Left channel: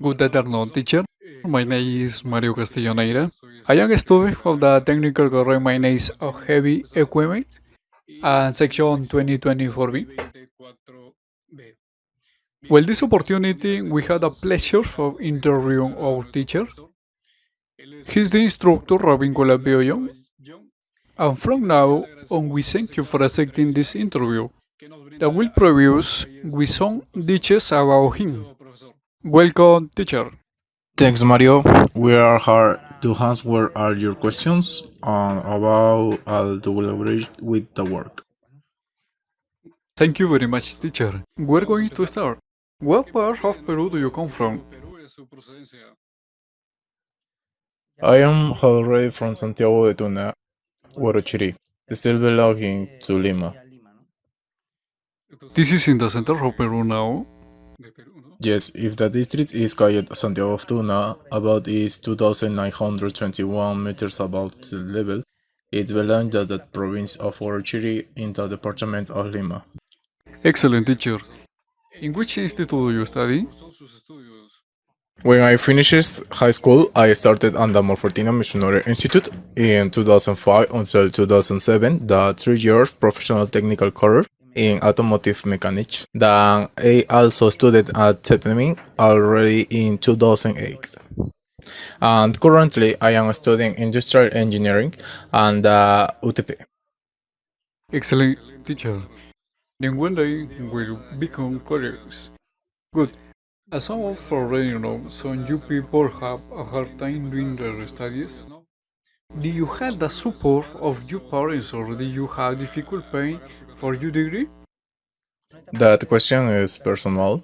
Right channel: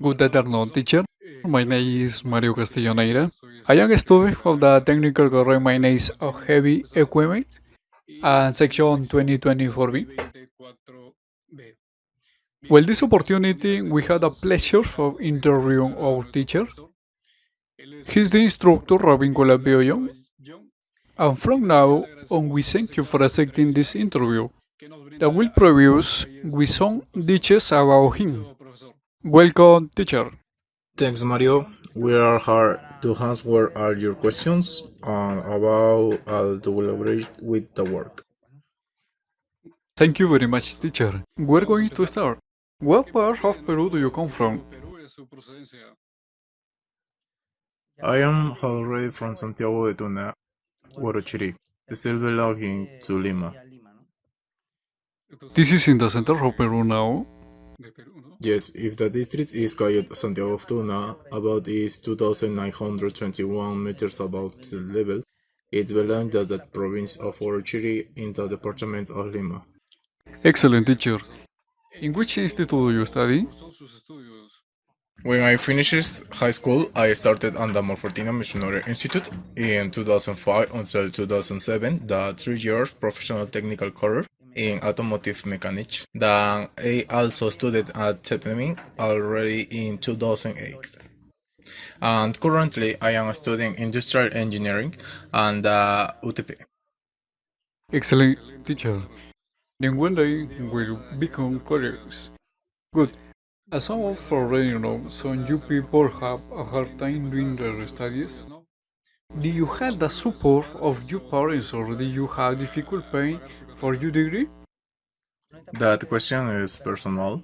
Good afternoon, teacher. My name is Mario Castelloneira. I am a student of the technical career management of heavy equipment and section 2024B. Well, this opportunity, we had the pleasure of interviewing our teacher. He's the instructor Robin Colabioyo. And from now on, we thank you for accepting this interview that will produce with some details about him. Welcome, teacher. Thanks, Mario. We are here to answer all your questions about how to collaborate with the work. Thank you very much, teacher. We're going to start. What part of Peru do you come from? I am already from Santiago de Tuna, Huarochirí, still belonging to Lima. This is in the center of Peru now. Yes, if the district is called Santiago of Tuna, about is 2,921 meters above sea level, it belongs to the province of Huarochirí in the department of Lima. Excellent, teacher. In which institute do you study? When I finished high school, I started at the Morfortino Missionary Institute in 2005 until 2007, the 3-year professional technical career in automotive mechanics. Then I also studied at Tepnemin already in 2008. And currently, I am studying industrial engineering and UTP. Excellent, teacher. Then one day we'll become colleagues. Good. As some of already know, some you people have a hard time doing their studies. Do you have the support of your parents or do you have difficult paying for your degree? That question is personal.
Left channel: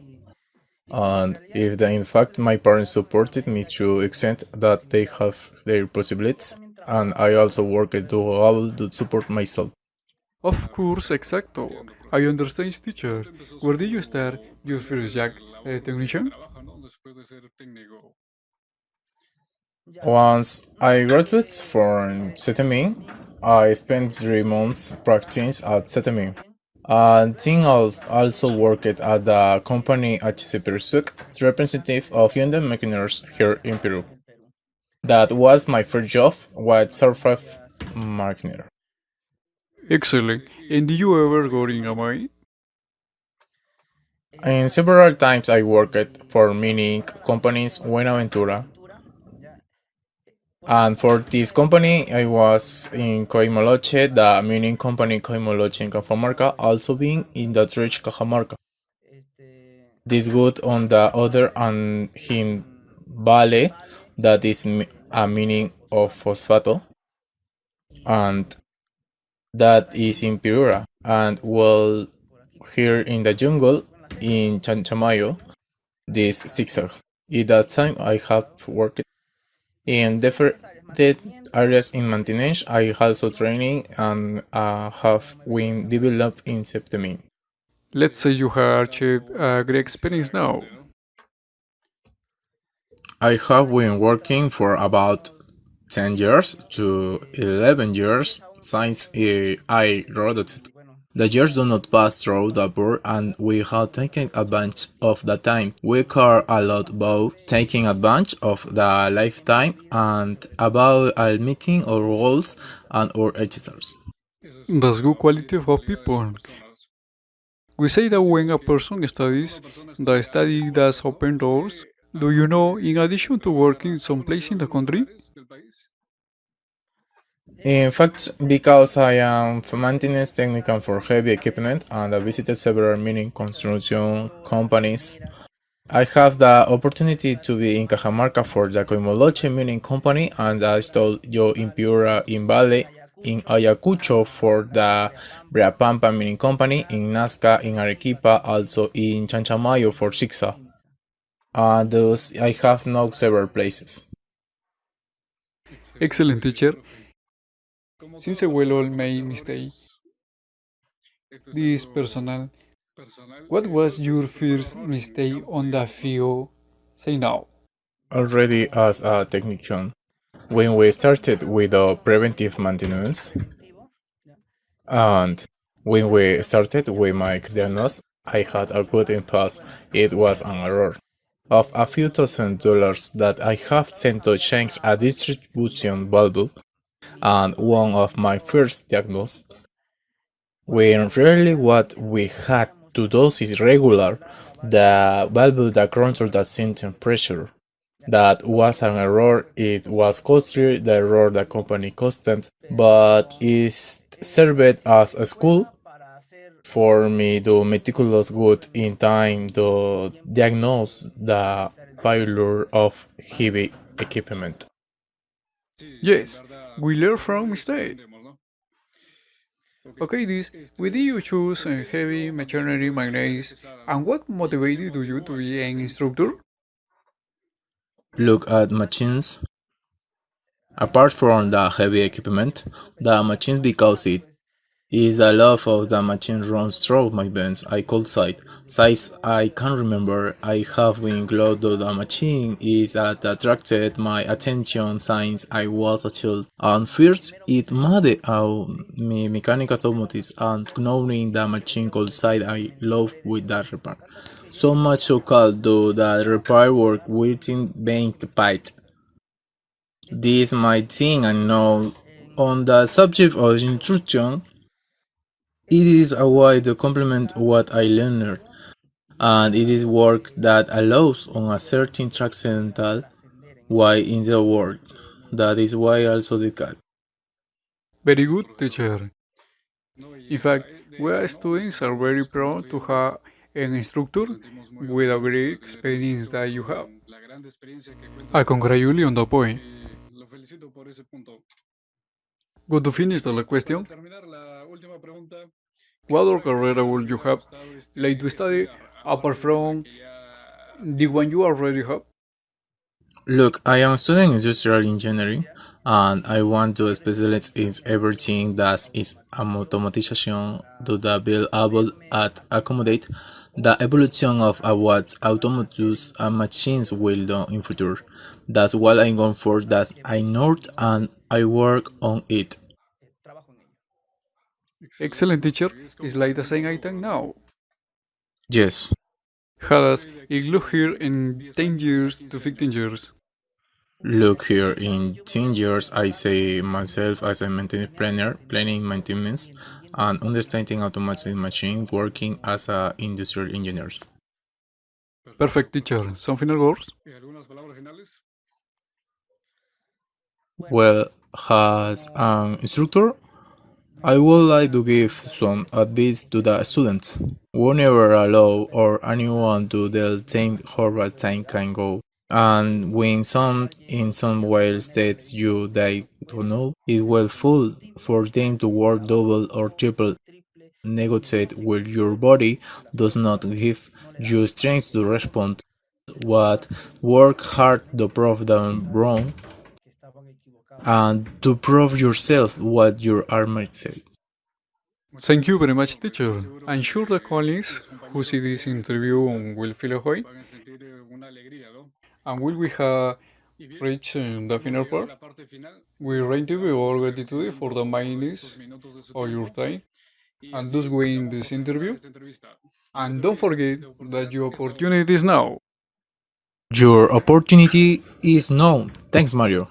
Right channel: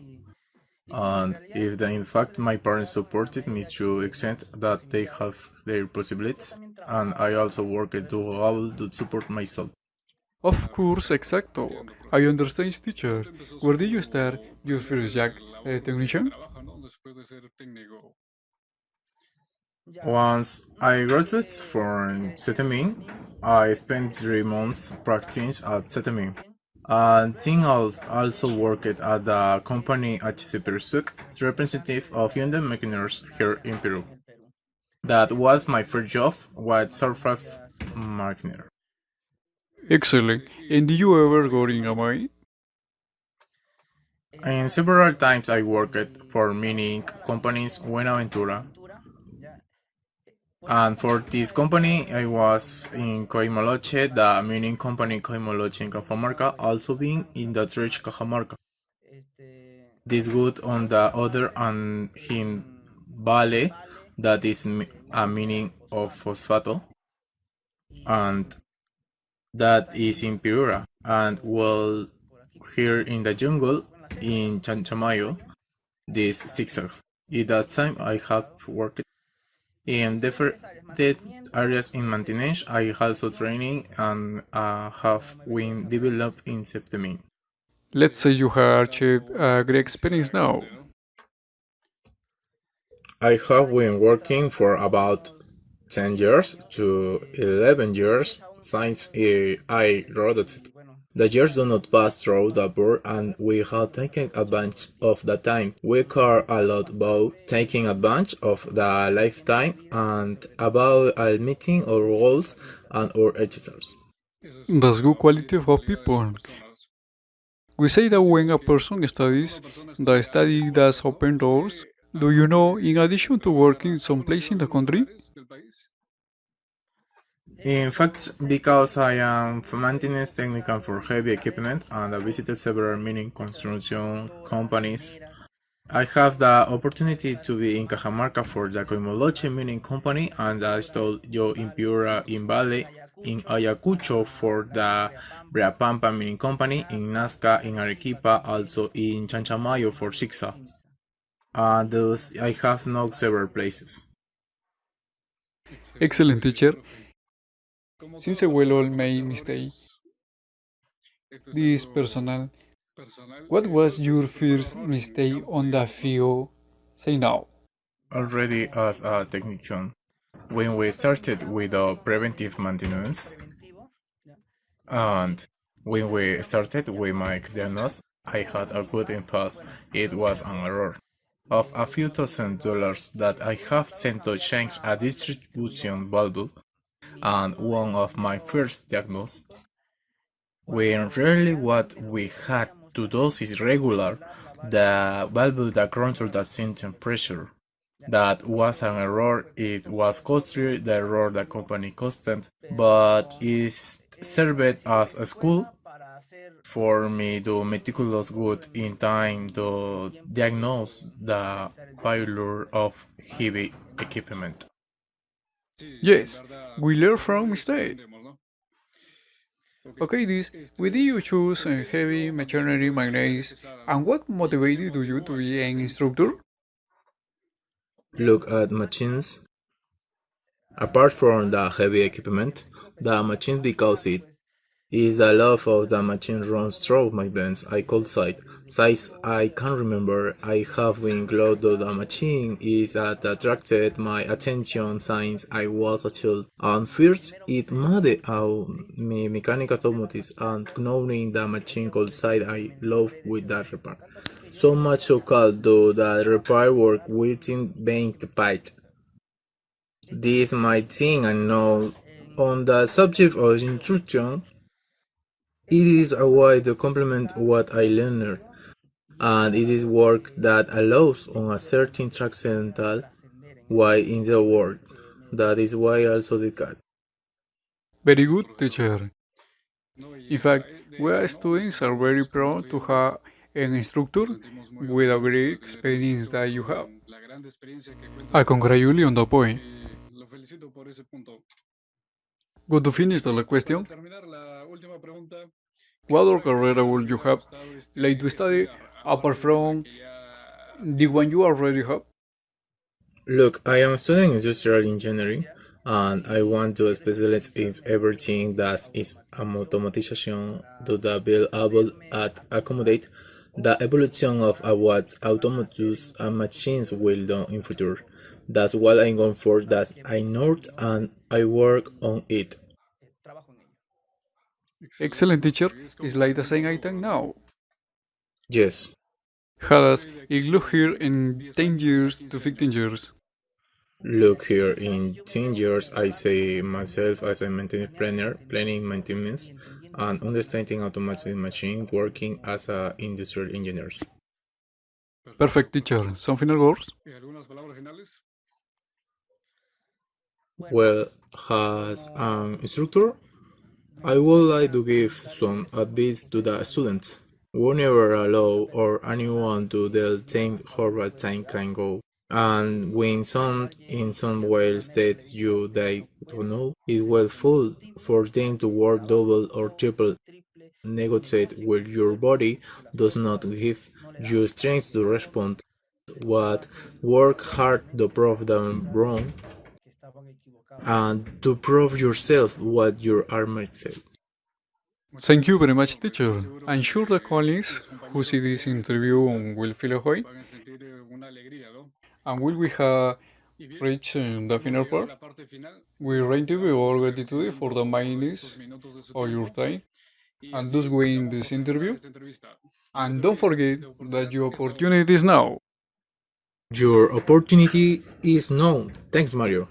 And if in fact my parents supported me to extent that they have their possibilities, and I also worked to able to support myself. Of course, exacto. I understand, teacher. Where did you start your first job, technician? Once I graduated from Setemin, I spent 3 months practicing at Setemin. And then also worked at the company HC Persuc, representative of Hyundai Machineers here in Peru. That was my first job with Surface Marketer. Excellent. And did you ever go in a mine? And several times I worked for mining companies Buenaventura. And for this company, I was in Coimoloche, the mining company Coimoloche in Cajamarca, also being in the Dredge Cajamarca. This good on the other and in Vale, that is a mining of phosphato, and that is in Piura. And well, here in the jungle in Chanchamayo, this zigzag. At that time, I have worked in different areas in maintenance. I also training and have been developed in September. Let's say you have achieved a great experience now. I have been working for about 10 years to 11 years since I graduated. The years do not pass through the board and we have taken advantage of the time. We care a lot about taking advantage of the lifetime and about meeting our goals and our achievements. That's good quality for people. We say that when a person studies, the study does open doors. Do you know, in addition to working someplace in the country? In fact, because I am maintenance technician for heavy equipment and I visited several mining construction companies, I have the opportunity to be in Cajamarca for the Coimoloche mining company and I told you in Piura, in Vale, in Ayacucho for the Breapampa mining company, in Nazca, in Arequipa, also in Chanchamayo for Sixa. Thus, I have known several places. Excellent, teacher. Since I will all make mistake, this personal, what was your first mistake on the field? Say now. Already as a technician, when we started with the preventive maintenance, and when we started with my diagnosis, I had a good impasse. It was an error. of a few $1,000 that I have sent to change a distribution valve and one of my first diagnosis, when really what we had to do is regular the valve that control the system pressure. That was an error. It was costly, the error the company constant, but it served as a school for me to meticulous good in time to diagnose the failure of heavy equipment. Yes, we learn from mistakes. Okay, this, why did you choose heavy machinery magnates, and what motivated you to be an instructor? Look at machines. Apart from the heavy equipment, the machines because it is the love of the machine runs through my veins. I could say, size I can remember. I have been glued to the machine is that attracted my attention since I was a child. And first, it made out me mechanical automotives and knowing the machine could side I love with that repair. So much so called though that repair work within being the pipe. This might thing I know. On the subject of instruction, it is a way to complement what I learned, and it is work that allows on a certain transcendental way in the world. That is why also the cat. Very good, teacher. In fact, we as students are very proud to have an instructor with a great experience that you have. I congratulate you on the point. Good to finish the question. What other career would you have like to study apart from the one you already have? Look, I am studying industrial engineering and I want to specialize in everything that is automation to the be able to accommodate the evolution of what autonomous machines will do in future. That's what I'm going for, that I know and I work on it. Excellent, teacher. It's like the same item now. Yes. Has it look here in 10 years to 15 years? Look here, in 10 years, I see myself as a maintenance planner, planning maintenance, and understanding automatic machine working as a industrial engineers. Perfect, teacher. Some final words? Well, as an instructor, I would like to give some advice to the students. Whenever allow or anyone to tell think how bad time can go. And when some in some ways that you they don't know, it will full for them to work double or triple negotiate where your body does not give you strength to respond. What work hard to prove them wrong and to prove yourself what your armor said. Thank you very much, teacher. I'm sure the colleagues who see this interview will feel a joy. And will we have reached the final part? We rate you all gratitude for the minutes of your time and thus win this interview. And don't forget that your opportunity is now. Your opportunity is known. Thanks, Mario.